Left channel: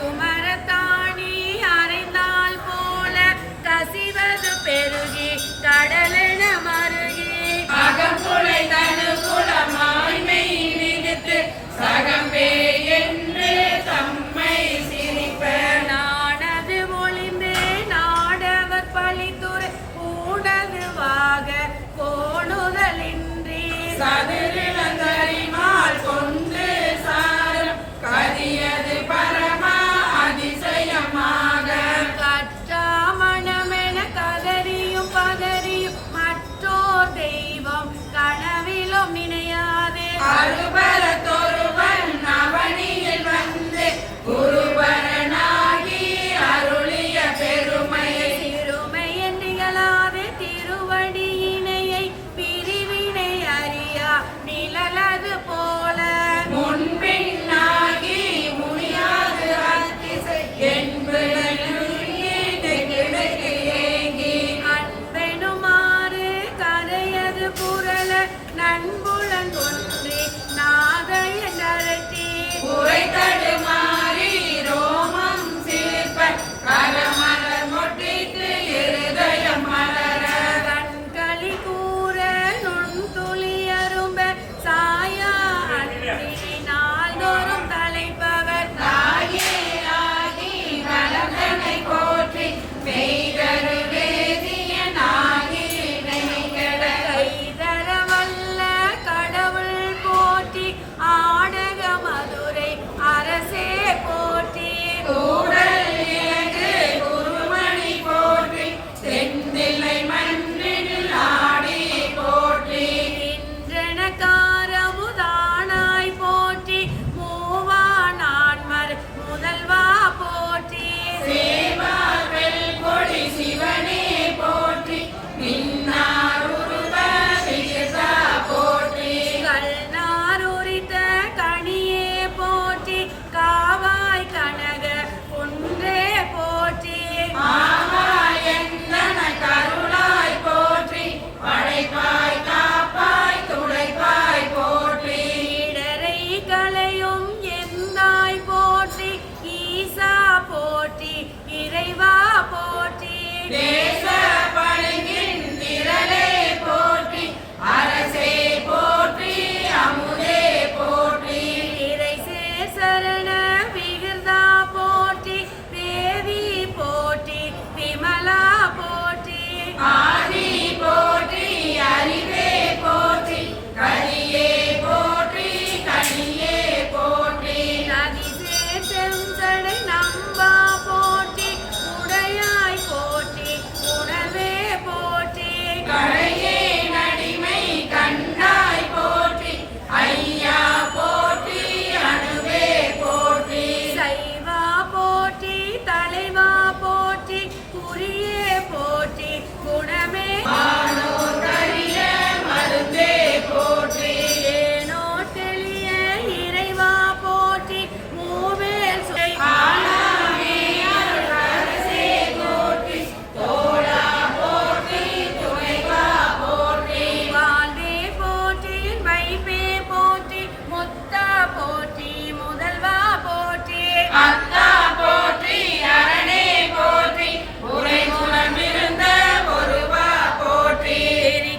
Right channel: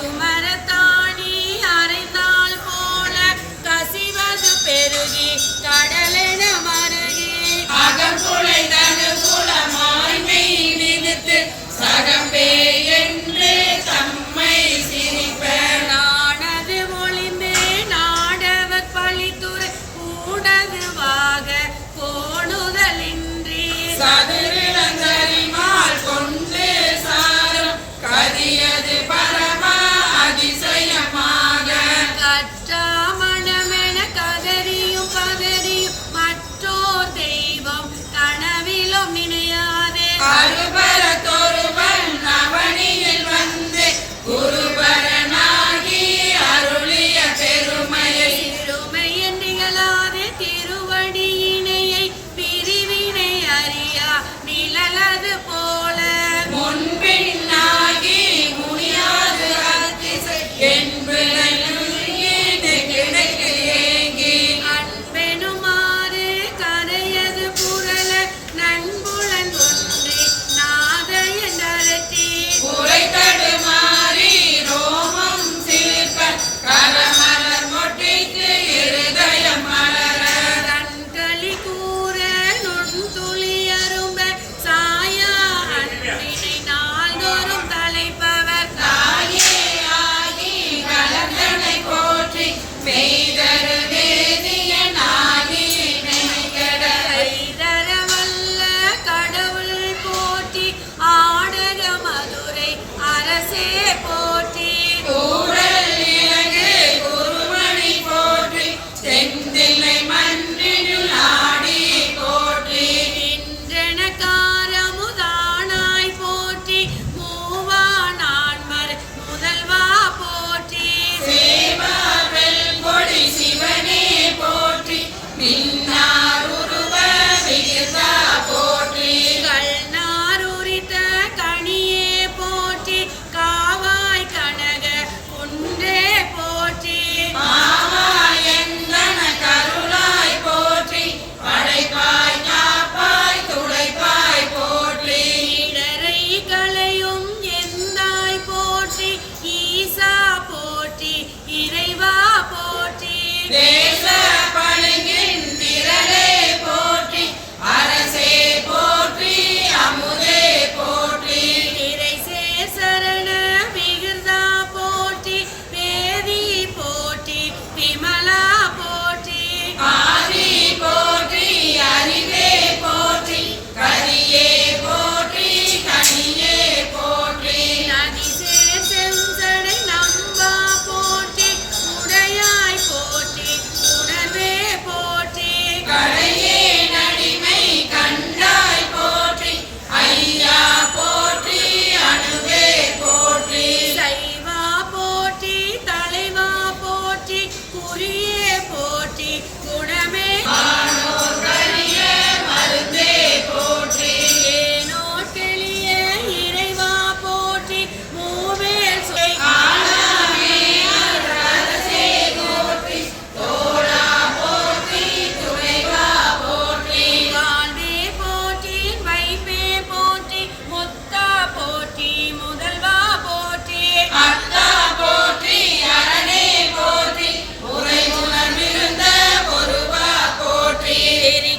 பசுமரத்தாணி அறைந்தால் போல கசிவது பெருகி கடலென மருகி அகம்புலை தனுகுலமாய் மெய் விதித்து சகம்பே என்று தம்மை சிரிப்ப நானது ஒளிந்தே நாடவர் பழித்துறை கூடதுவாக கோணுதலின்றி சதுரிளந்தரிமால் கொண்டு சாரும் கதியது பரம அதிசயமாக கற்றாமணமென கதறியும் பதறியும் மற்றோர் தெய்வம் கனவிலும் நினையாதே அருபரத்தொருவன் அவனியில் வந்து குருபரனாகி அருளிய பெருமையை சிறுமையன் நிகழாதே திருவடியினையை பிரிவினை அறியா நிழலது போல முன்பின்னாகி முனியாது அதிசை என்பனை கிடைக்கு ஏங்கி அன்பெனுமாறு கரையது புரள நண்புலன் ஒன்றி நாதையன் அரட்டி உரை தடுமாறி ரோமம் சிரிப்ப கரமலர் மொட்டிக்கு இருதயம் மலர கண்களி கூற நுண்துளி அரும்ப சாயா அன்பினை நாள்தோறும் தலைப்பவர் தாயே ஆகி கலந்தனை போற்றி மெய்தரு வேதிய நாகி நினைகட கைதர வல்ல கடவுள் போற்றி ஆடக மதுரை அரசே போற்றி கூடல் இலங்கு குருமணி போற்றி தென்தில்லை மன்றினில் ஆடி போற்றி நின்றனக்காரமுதானாய் போற்றி மூவா நான்மர் முதல்வா போற்றி சேவார் வெல்கொடி சிவனே போற்றி மின்னார் உருவ விகிதா போற்றி கல்நார் உரித்த கனியே போற்றி காவாய் கனக குன்றே போற்றி ஆவாயந்தன கருளாய் போற்றி படைப்பாய் காப்பாய் துடைப்பாய் போற்றி இடரை களையும் எந்தாய் போற்றி ஈசா போற்றி இறைவா போற்றி தேச பளிங்கின் திரளே போற்றி அரசே போற்றி அமுதே போற்றி இறைசே சரண விகிர்தா போற்றி வேதி போற்றி விமலா போற்றி ஆதி போற்றி அறிவே போற்றி கரியே போற்றி கனியே போற்றி நதிசே செஞ்சடை நம்பா போற்றி உடையாய் போற்றி உணர்வே போற்றி கடையே நடிமை கண்டாய் போற்றி ஐயா போற்றி அணுவே போற்றி சைவா போற்றி தலைவா போற்றி குறியே போற்றி குணமே ஆனோர் கரிய மருந்தே போற்றி ஏனோ தெளிய இறைவா போற்றி மூவேல் சுவை ஆனாமே அரசே போற்றி தோழா போற்றி துணைவா போற்றி வாழ்வே போற்றி வைப்பே போற்றி முத்தா போற்றி முதல்வா போற்றி அத்தா போற்றி அரணே போற்றி உறைமுகமிருந்த ஒருவா போற்றி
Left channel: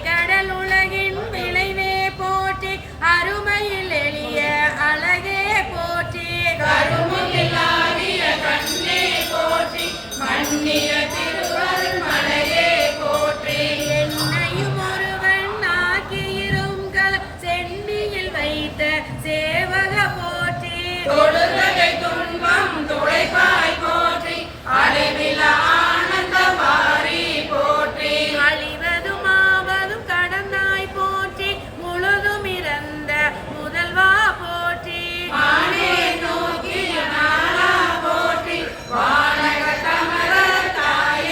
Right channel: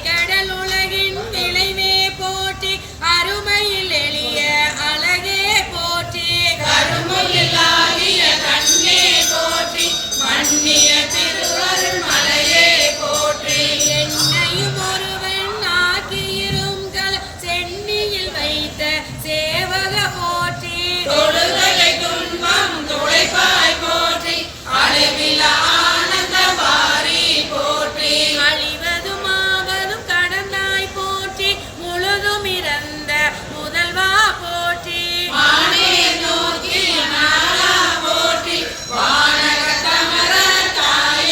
கடல் உலகின் விளைவே போற்றி அருமையில் எளிய அழகே போற்றி கருமுகிலாகிய கண்ணே போற்றி மன்னிய திருவருள் மலையே போற்றி என்னையும் ஒருவன் ஆக்கியிரும் கல சென்னியில் வைத்த சேவக போற்றி தொழுதலை துன்பம் துடைப்பாய் போற்றி அடைவில ஆனந்த வாரி போற்றி அழிவதும் ஆவதும் கடந்தாய் போற்றி முழுதும் இறந்த முதல்வா போற்றி வானே நோக்கிய நாளா போற்றி வானக தமர தாய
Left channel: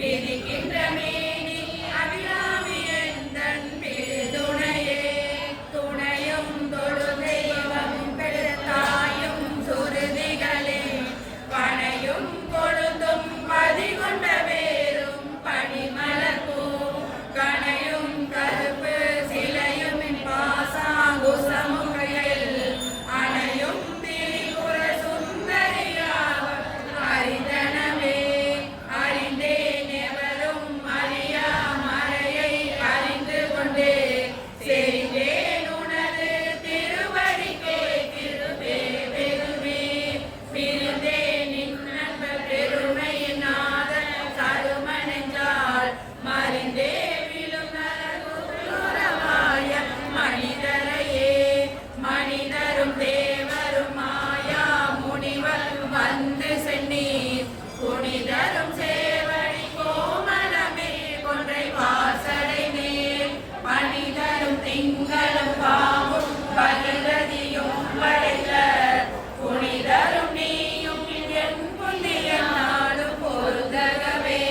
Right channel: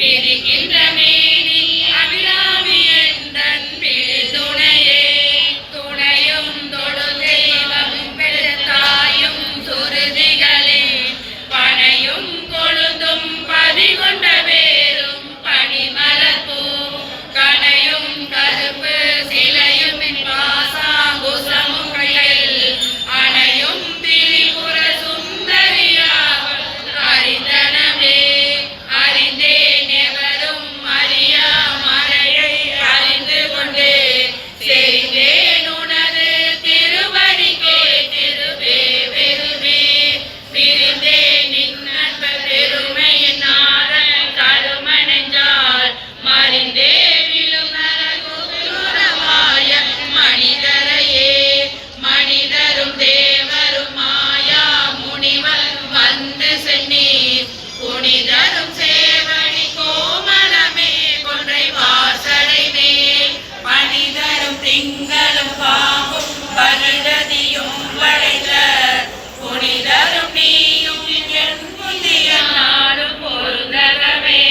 பிரிக்கின்ற மேனி அபிராமி எந்தன் பிடி துணையே துணையும் தொழு தெய்வமும் பெருத்தாயும் சுருதிகளே பனையும் கொழுந்தும் பதிகொண்ட வேரும் பனிமலர்பூ கனையும் கருப்பு சிலையும் பாசாங்குசமும் கையில் அணையும் திரிபுர சுந்தரியாவள் அறிந்தனமே அறிந்தேன் எவரும் அறியா மறையை அறிந்து கொண்டே செய்தேன் உனது திருவடிக்கே திருவே வெறுவே பிரிந்தேன் நின்னன்ப பெருமையின் நாதன் கருமணஞ்சால் மறிந்தே விழும் நரகுரமாய மனிதரையே மனிதரும் தேவரும் மாயா முனிவர் வந்து சென்னி புனிதரும் சேவடி கோமலமே கொன்றை வாசடை மேல் பனிதரும் திங்களும் பாம்பும் பருடதியும் படைத்த புனிதரும் நீயும் என் புதிய நாடும் பொருந்தகமே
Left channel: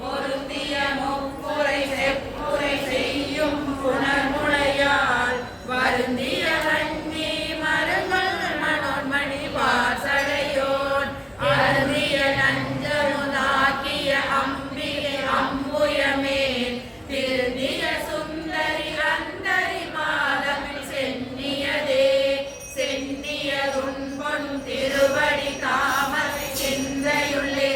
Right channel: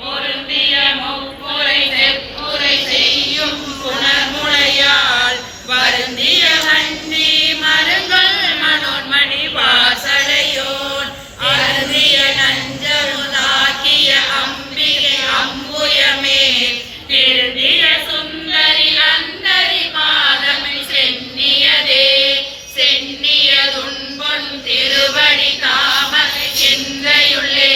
பொருந்திய முப்புரை செப்புரை செய்யும் புனர்முளையால் வருந்திய வண்டி மருங்கள் மனோன்மணி வாசடையோன் அருந்திய நஞ்சமுதாக்கிய அம்பிகை அம்புயமே திருந்திய சுந்தரி அந்தரி பாதமை சென்னியதே சென்னியதுன்பொன் திருவடி தாமரை சிந்தையுள்ளே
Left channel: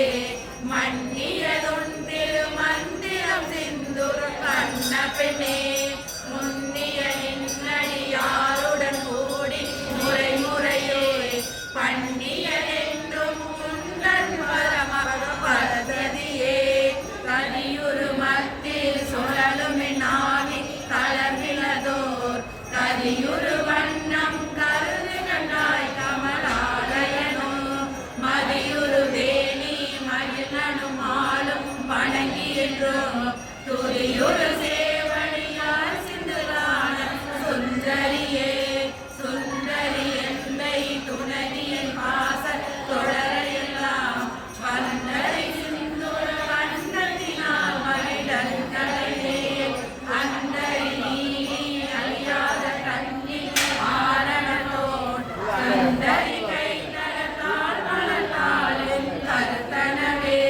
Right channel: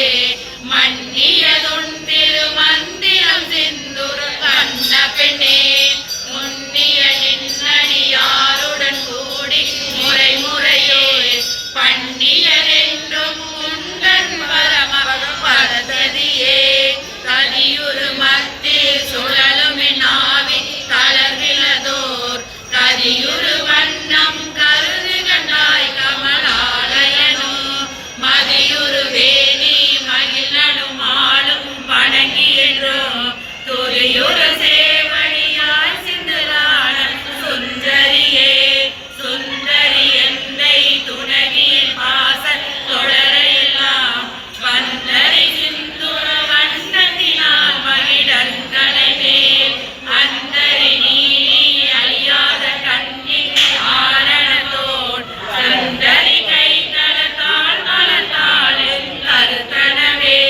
மன்னியதுன் திருமந்திரம் சிந்துர கண்ண பெண்ணே முன்னிய நின்னடியாருடன் கூடி முறை முறையோ பண்ணியதென்றும் உந்தன் வரமக பரததியே கதியுரு மத்தில் சுழலும் நாவி தளர்விலதோர் கதியுரு வண்ணம் கருது கண்டாய் கமலாலயனோ மதியுரு வேணி மகிழனும் ஆளும் வணங்கி என்றோ துரியுரு சேவடியாய் சிந்துரான சுந்தரியே சுந்தரி எந்தை துணவியின் வாச தொடரையெல்லாம் வந்தரி சிந்துர வண்ணத்தினால் மகிழன் தலைமேல் அந்தரி நீ அழியாத கண்ணின் ஆரணத்தோன் சுந்தரி கை தளத்தாள் மலத்தாள் கருத்தனவே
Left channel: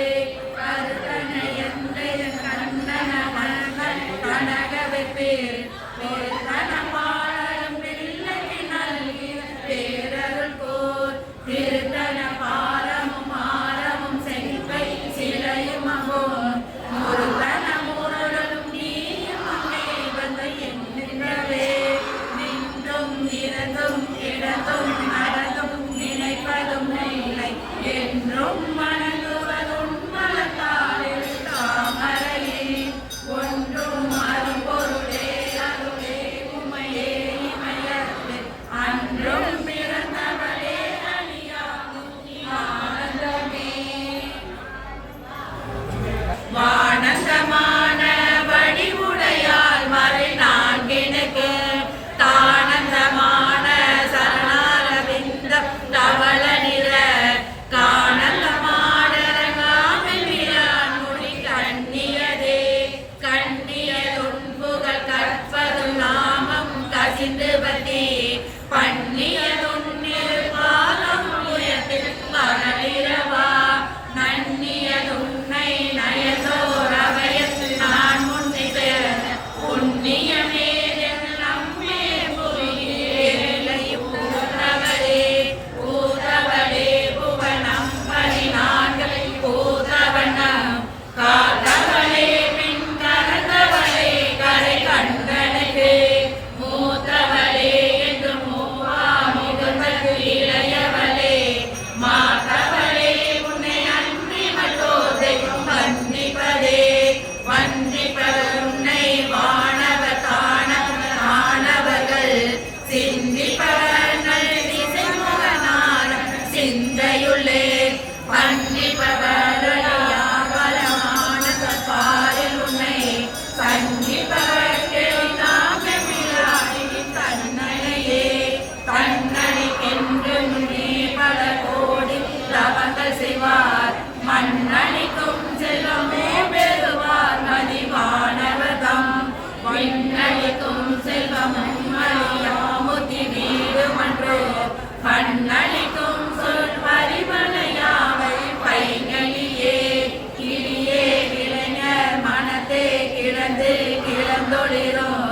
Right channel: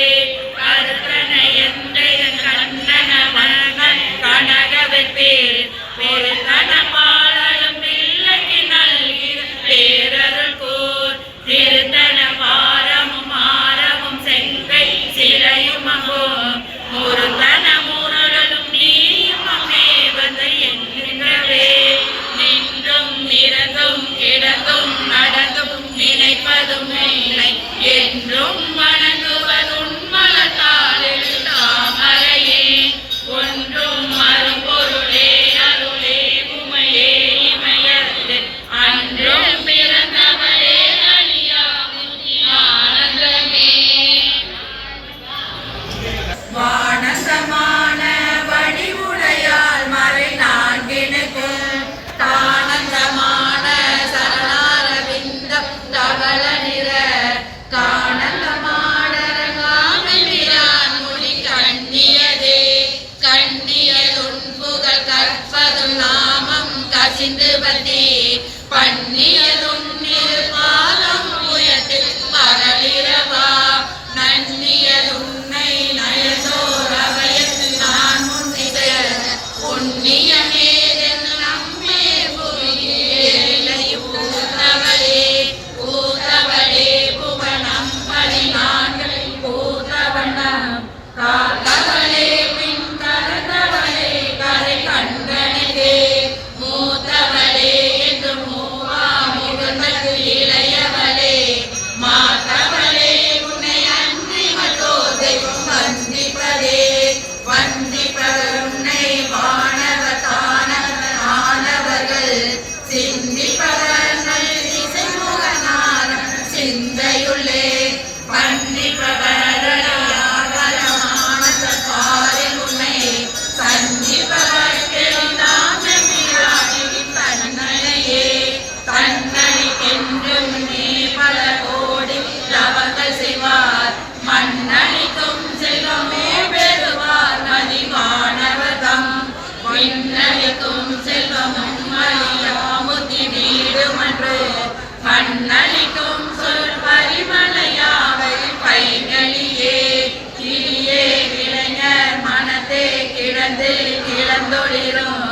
கருத்தன எந்தை கண்ணன மகன் கனகவெற்பேர் பெருத்தன பாலலும் பிள்ளைக்கு நல்கிற பேரருள் கோர் திருத்தன பாரமும் ஆரமும் செங்கை சிலையும் அங்கோ முருத்தன முரளும் நீயும் அங்கே வந்து என்கின்றவே நின்றும் நிறந்தும் கிடந்தும் நடந்தும் நினைப்பதும் இல்லை என்றும் வணங்குவதும் மலத்தாளில் தாமரையே ஒன்றும் மறுபொருளே அருளே உமையே இமையத்து அன்றும் பிறந்தவளே அழியாகும் ஆனந்தமே வானந்த பின்னளிக்கும் செல்வமும் அறியாமுத்தி வீடுமன்றோ மண்ணளிக்கும் சொல் பரிமளையாவை பைகளியே கிளியே இளைஞர் மனத்தே கிடந்து கிளந்தொளிரும்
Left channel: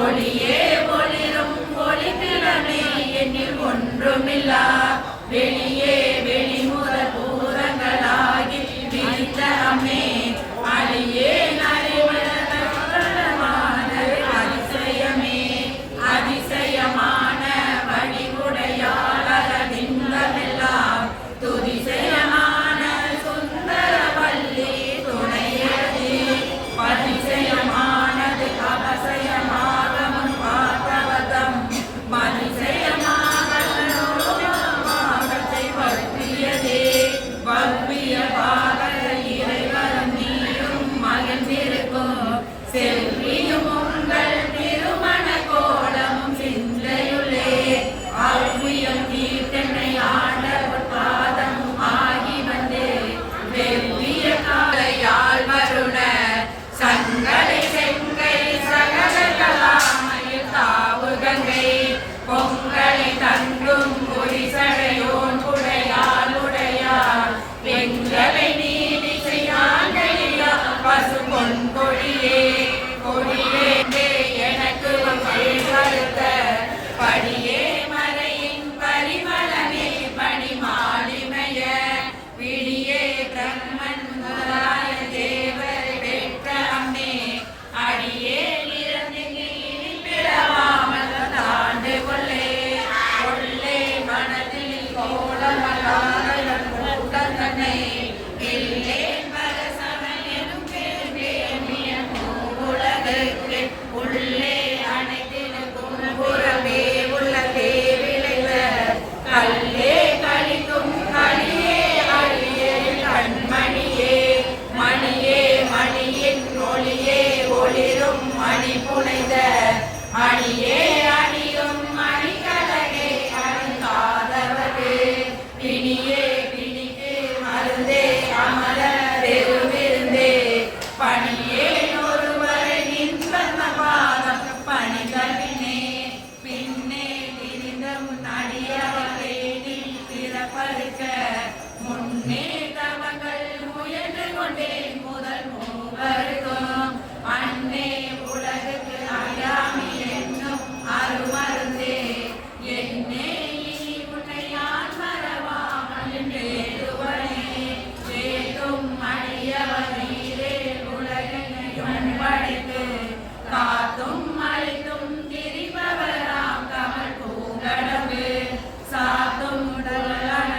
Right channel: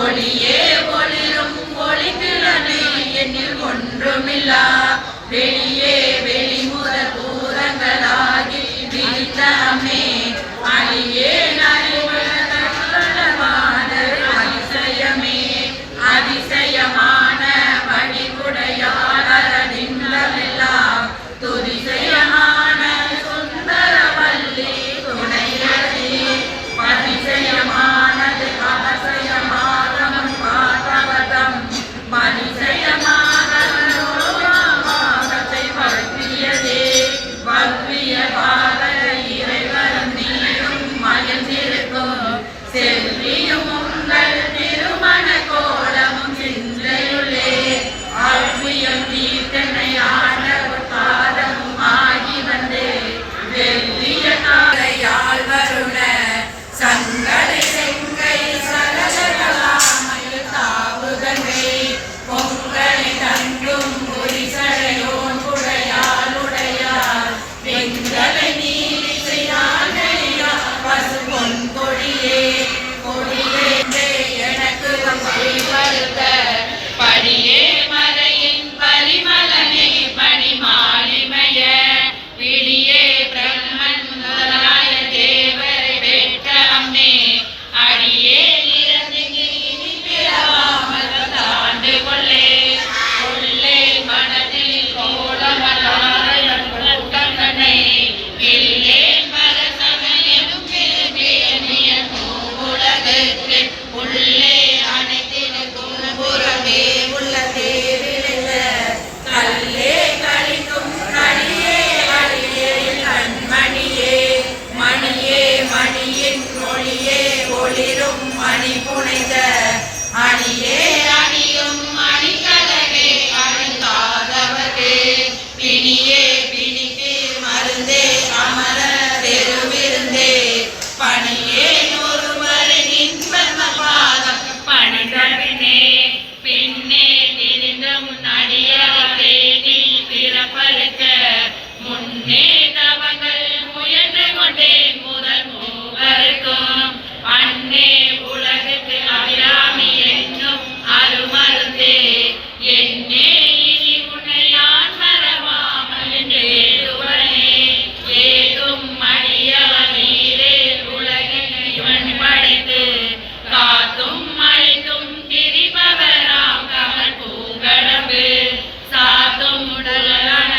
ஒளியே ஒளிரும் ஒளிக்கிழமை என்னில் ஒன்றுமில்லா வெளியே வெளிமுதல் பூரங்களாகி விரித்த அம்மே அழியே நறுமணமான அதிசயமே அதிசயமான வடிவுடையாளரில்லமெல்லாம் துதிசயமான சுந்தரவல்லி துணையடி அதிசயமானது அவசயமாகமும் பார்த்தவதம் மதிசயமாகத்தை பற்றியதே வல்விய பாகர இறைவரும் நீரும் மயந்திருக்கும் செல்வியும் உங்கள் திருமண கோலமும் சிந்தையுள்ளே ஆழ்வியம் தீர்த்தனை ஆட பாதமும் ஆகி வந்து வெள்ளிய காலையால் வருண சங்கடை செங்கை சகலகலாமையில் தாவு கங்கை பொங்கலை தங்கும் பொரிசடையோன் குடையாளுடையார் பெண்களை நீலி செய்யாங்கையா பசு பொன் கொடியே கொடியே எனக்கு பருத்த படியே மறையின் பரிமளனை பணிமாலிமய விழியே பிரம்மன் முதலாய தேவரை பெற்ற அம்மே அடியே இறந்து இனி பிறவாமல் தாண்டு கொள்ளே கொள்ளே மனதில் கோலமலாரை கூட்டங்கனை இல்லேன் பரசவனும் திருமேனிய பூவுலகுக்கு உள்ளே அனைத்தினுக்கும் புறமே உள்ள தேவிலில்ல கல்லே கழிக்கும் கடியே அழியே கண்மணியே மணியே மணியின் ஒளியே ஒளிரும் மணி புனைந்த அணியே அணியும் மணிக்கலகே அணுகாதவகே பிணியே பிணிக்கு மருந்தே அமர பெருமிருந்தே பணியே ஒருவரை நின்பன்ம பாதம் பணிதவினே பின்னே திரிந்த முன்னடியாரே நீ பிறப்பருக்க முன்னே தவங்கள் முயன்று கொண்டேன் முதல் மூவருக்கும் அன்னே உலகுக்கு அபிராமி என்னும் அருமருந்தே என்னே இனி உன்னை யான் மறவாமல் என்றேடுவனே ஏதும் அடியவனீரே உலகினை படைத்து காத்தும் அழித்தும் திரிபவராம் கமல் பூங்கடம்பு சாத்தும் உடலான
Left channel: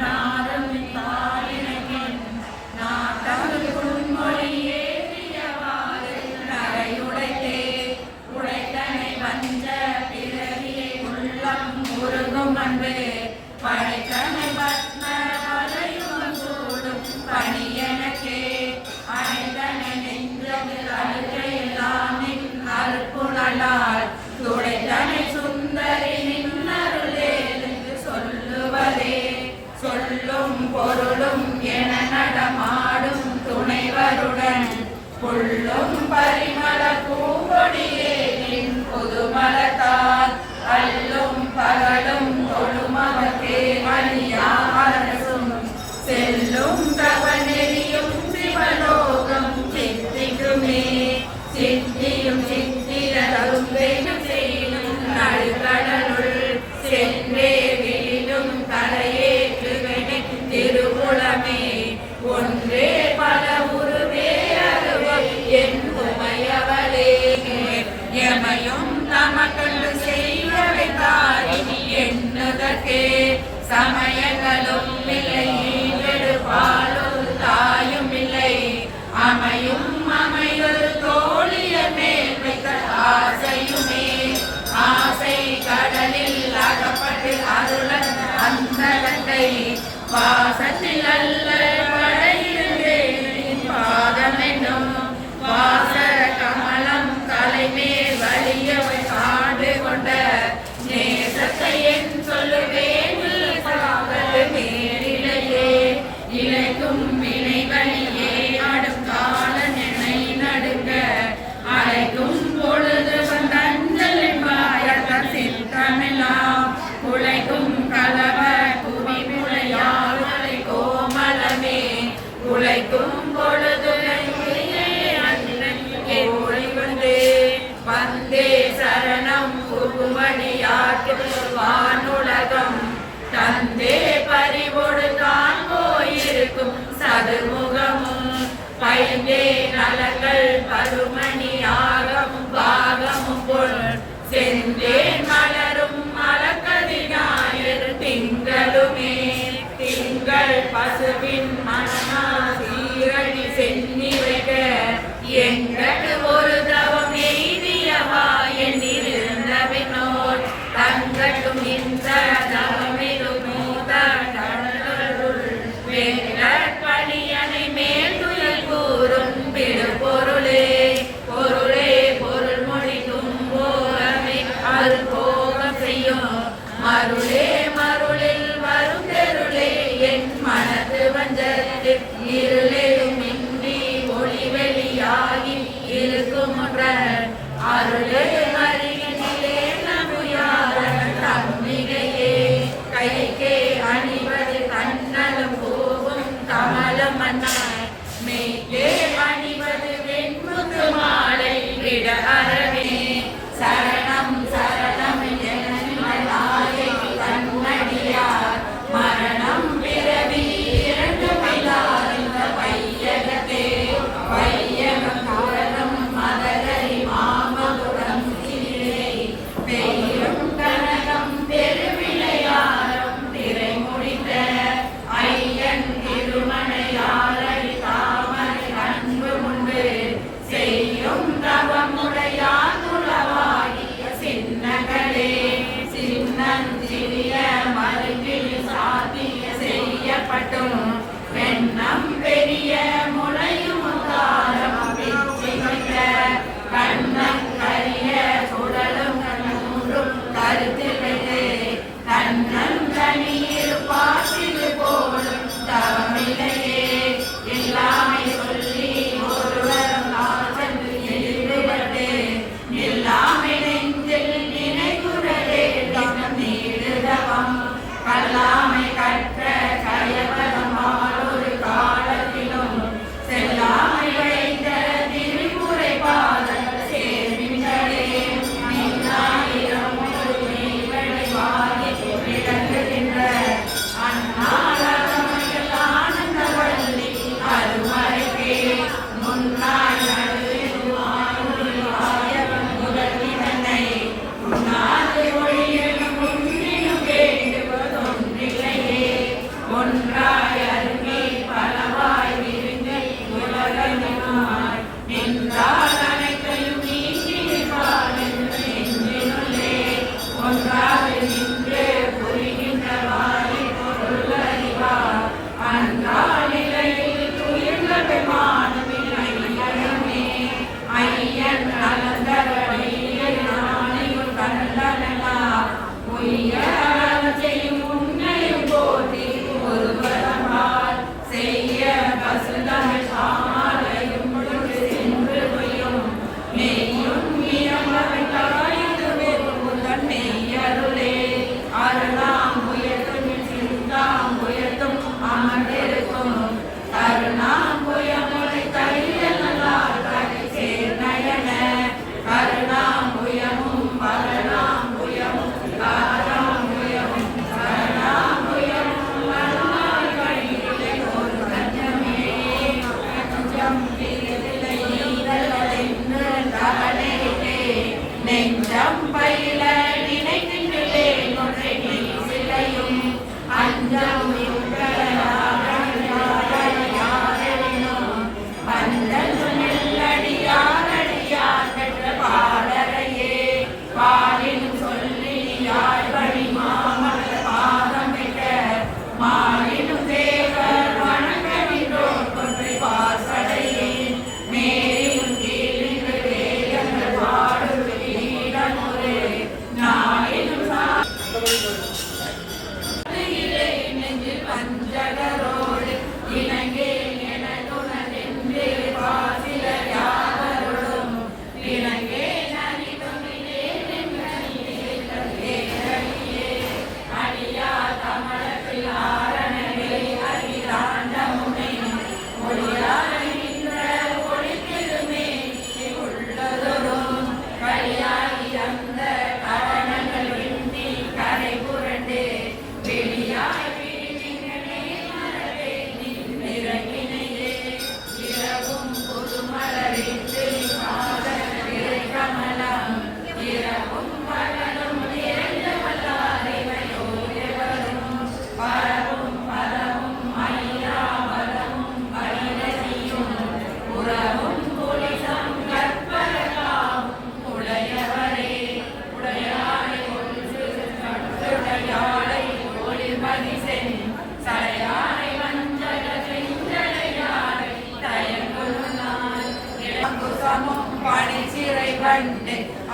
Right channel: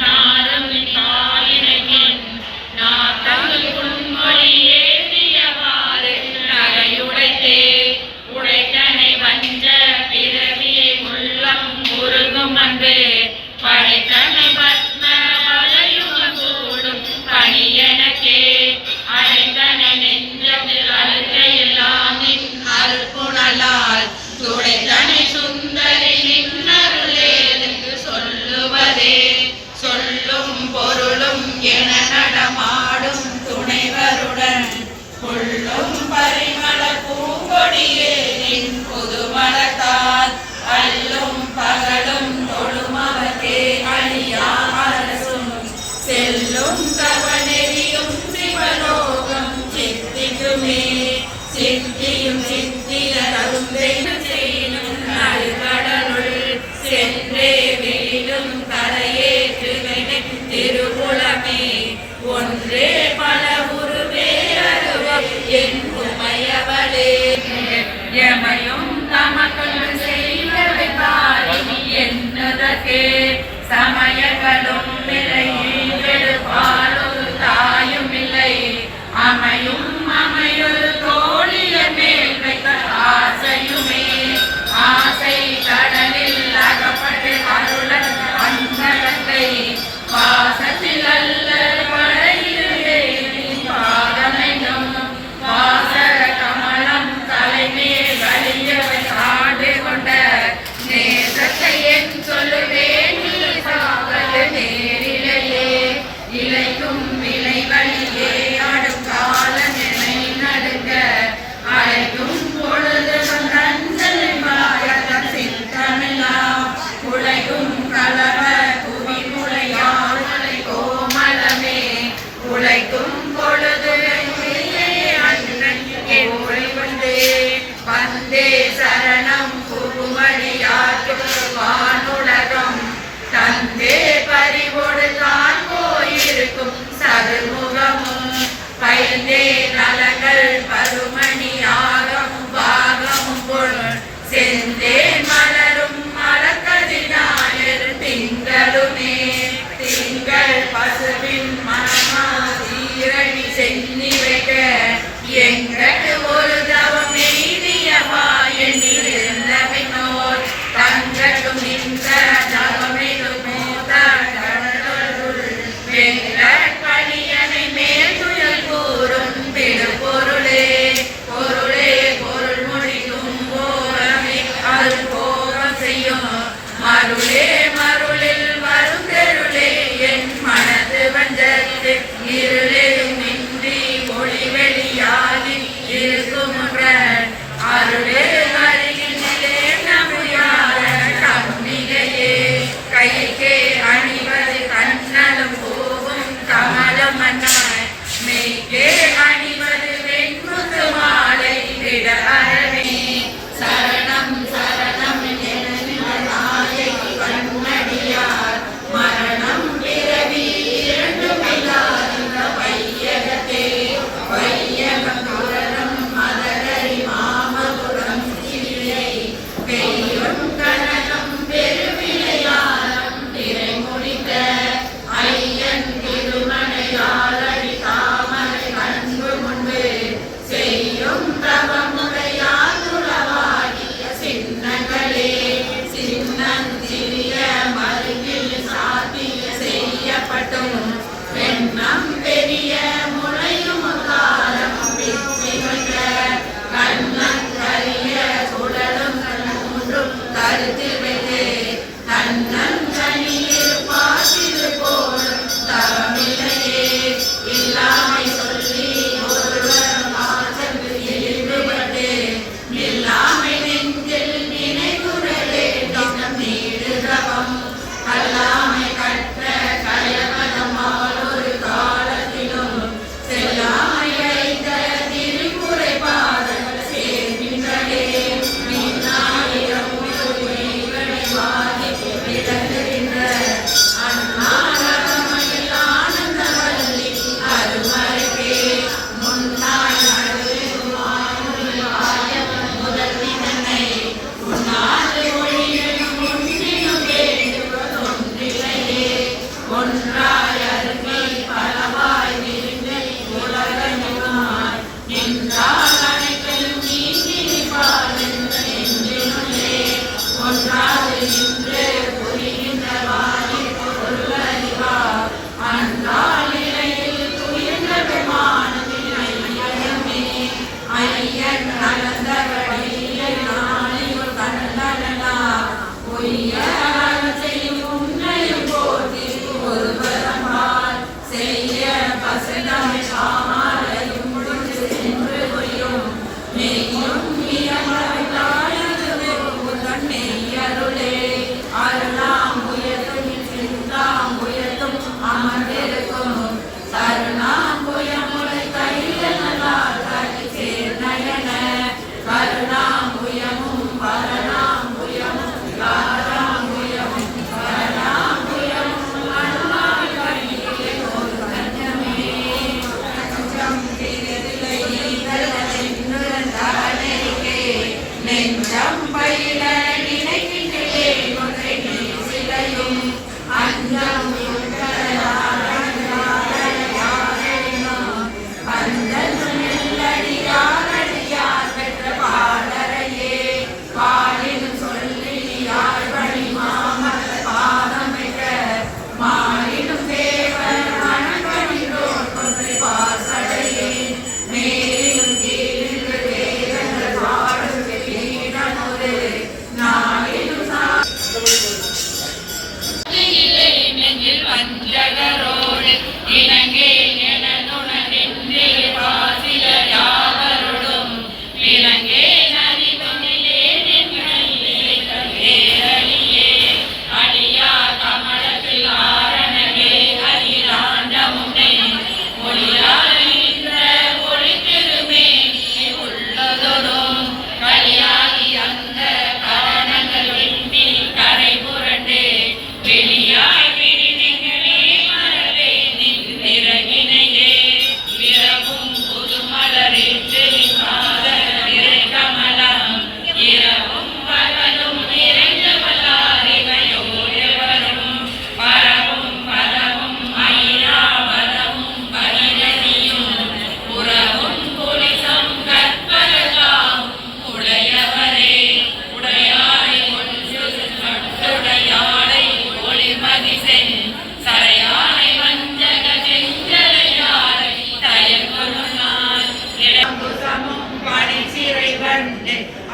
நாரும் காலினையின் நாத்தங்கும் புன்மொழி ஏறியவாறு நகையுடைத்தே உடைத்தனை வஞ்ச பிறவியை உள்ளம் முருகும் அன்பு படைத்தனை பத்ம வலையுகம் கூடும் பணியனக்கே அனைத்தனை நெஞ்சத்தில் அழுக்கையெல்லாம் நின் அருட்புணலால் துடைத்தனை சுந்தரி நின்னருளேதென்று சொல்லுவதே சொல்லும் பொருளும் என நடமாடும் துணைவருடன் புள்ளும் பரிமள பூங்கொடியே நின் புதுமலத்தால் அல்லும் பகலும் தொழுமவர்க்கே அழியா அரசும் செல்லும் தவநெறியும் சிவலோகம் சித்திக்குமே சித்தியும் சித்திய தருந்தேன செய்யும் நடுகடலுள் சென்றே விழிலும் தலையேற்றுகை திருகுலமே ஒன்றே பல உருவே அருவம் என் உமையவளே எமையும் தமக்கொண்டு செய்வதை தாரி என்னதற்கே சமயங்களும் இல்லை பாலும் தாயும் இல்லை அமையும் அமையுள் தோழிய மேல் வைத்த ஆசையுமே ஆசை கடலில் அகப்பட்டு அருளன் அந்த கங்கை பாசத்தில் அல்ல படையிலே பாதமெனும் வாசர கமலம் தலைமேல் வலியவை காடு கொண்ட நேசத்தை என் சொல்லுவேன் சாகது நேரிலேயே இலைக்கும் விளைவழியே அடுக்கால நினை நடுக்க உரைக்கும் பொழுது அண்ணன் ஓடி வந்தே சரணம் புகுமணியாற்றும் வானுலகம் தந்தே பறிவொடு தான் போயிருக்கும் சதுர்முகமும் பைந்தே நலங்கள் பருமணியாகமும் பாகமும் பொருள் செந்தேன் மலரும் மலக்கதினாயர் திங்களுமே திங்கள் பசுவின் மனமா சீரணி சென்னி வைக்க எங்களுக்கு ஒரு தவம் எய்தியவா எண்ணிருந்தவினோர் தங்கட்டும் நின்ற தவமிடும் வெங்கட்பணியனை மேல் துயல் கூறும் பெருபொருளே பொருளே பொருள் முடிக்கும் போரமே அருள் போகம் செய்யும் மருளே மருளில் வரும் தெருளே என் மனது வந்தது இருளேயும் இன்றி ஒளி வெளியாகி இருக்கும் அருளே அறிகின்றே நம்பியாத கண்ணிகையே கைக்கே அணிவது கண்ணலும் போகும் கமலம் மன்னாய் மெய்க்கே அணிவது வெண்முத்து மாலை விட அறவே சரணம் சரணம் நாயை கண்ணடியார் மரணம் பிறவி இரண்டுமில்லாத வையகத்தே வையகம் புரணம் மதரை மாமபுரம் திரியை பெய்யும் கனகம் பெருவிளையாரம் நிறை முடித்த ஐயன் திருமணையாளி தாமரை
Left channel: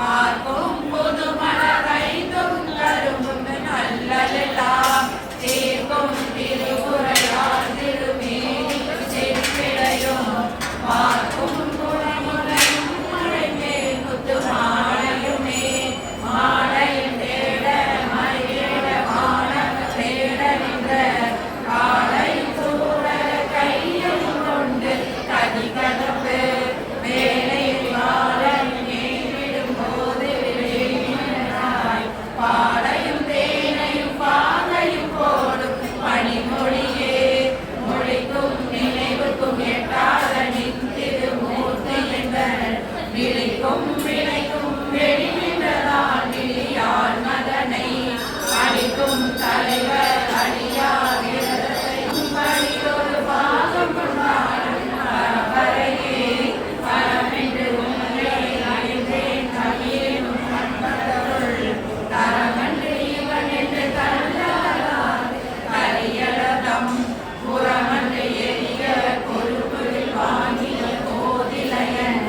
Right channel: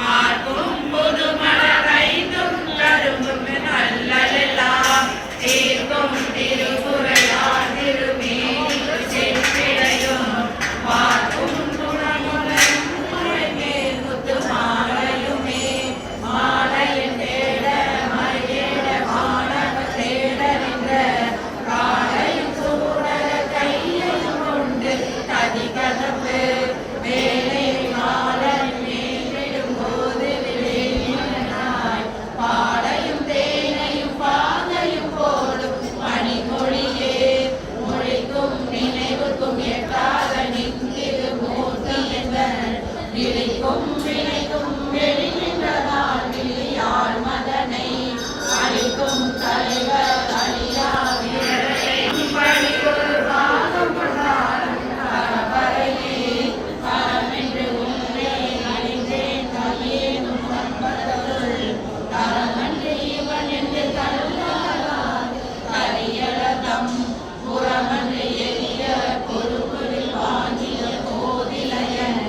ஆர்க்கும் புது மலரைந்தும் கரும்பும் நல்லதெல்லாம் தீர்க்கும் திருவுரையார் திருமேனி சென்றிடையும் பார்க்கும் குணமுலையும் மழைமேல் முத்து மாலையுமே மாலையின் தேட மழையேட மாணவ தேட நின்ற காலையும் சூட கையையும் கொண்டு கதி கதப்பு வேலை பாலையும் தேனையும் பாதையும் போடும் பனிமொழியே மொழிக்கும் நினைவுக்கும் எட்டாத நித்திரு மூர்த்தி என்பர் விழிக்கும் வினைக்கும் வெளிநின்றதால் விழியால் மதனை அளிக்கும் தலைவர் அழியாவிரரை பழியொரு பாகம் கொண்டாடும் பரபரையே பரமென்று ஒன்றே அறிந்தேன் கவியேனும் சம்பத்தருள் தரமன்று இவன் என்று கருதாதான் கரியடம் புறமன்று எரிய பொறுப்புள் வாங்கிய கோதிலையன்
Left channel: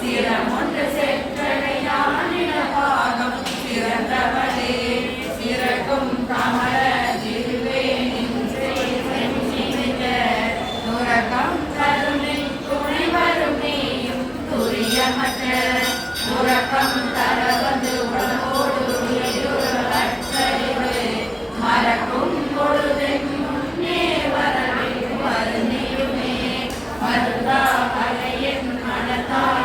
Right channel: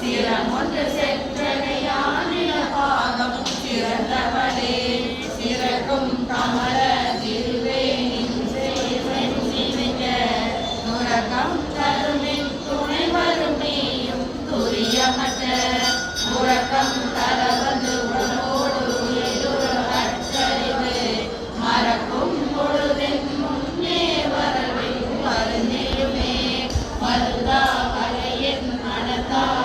சிரமொன்று செற்றனையானின பாகம் சிறந்தவளே சிறக்கும் கமல திருவேனின் செய்த துறக்கம் கருணின் துணை வரும் நீயும் துரியமற்ற உறக்கம் தர வந்து உடம்போடு மறக்கும் பொழுதின் முன்னே வரவின் வருந்தியுமே மருதா கலையின் மனத்தால்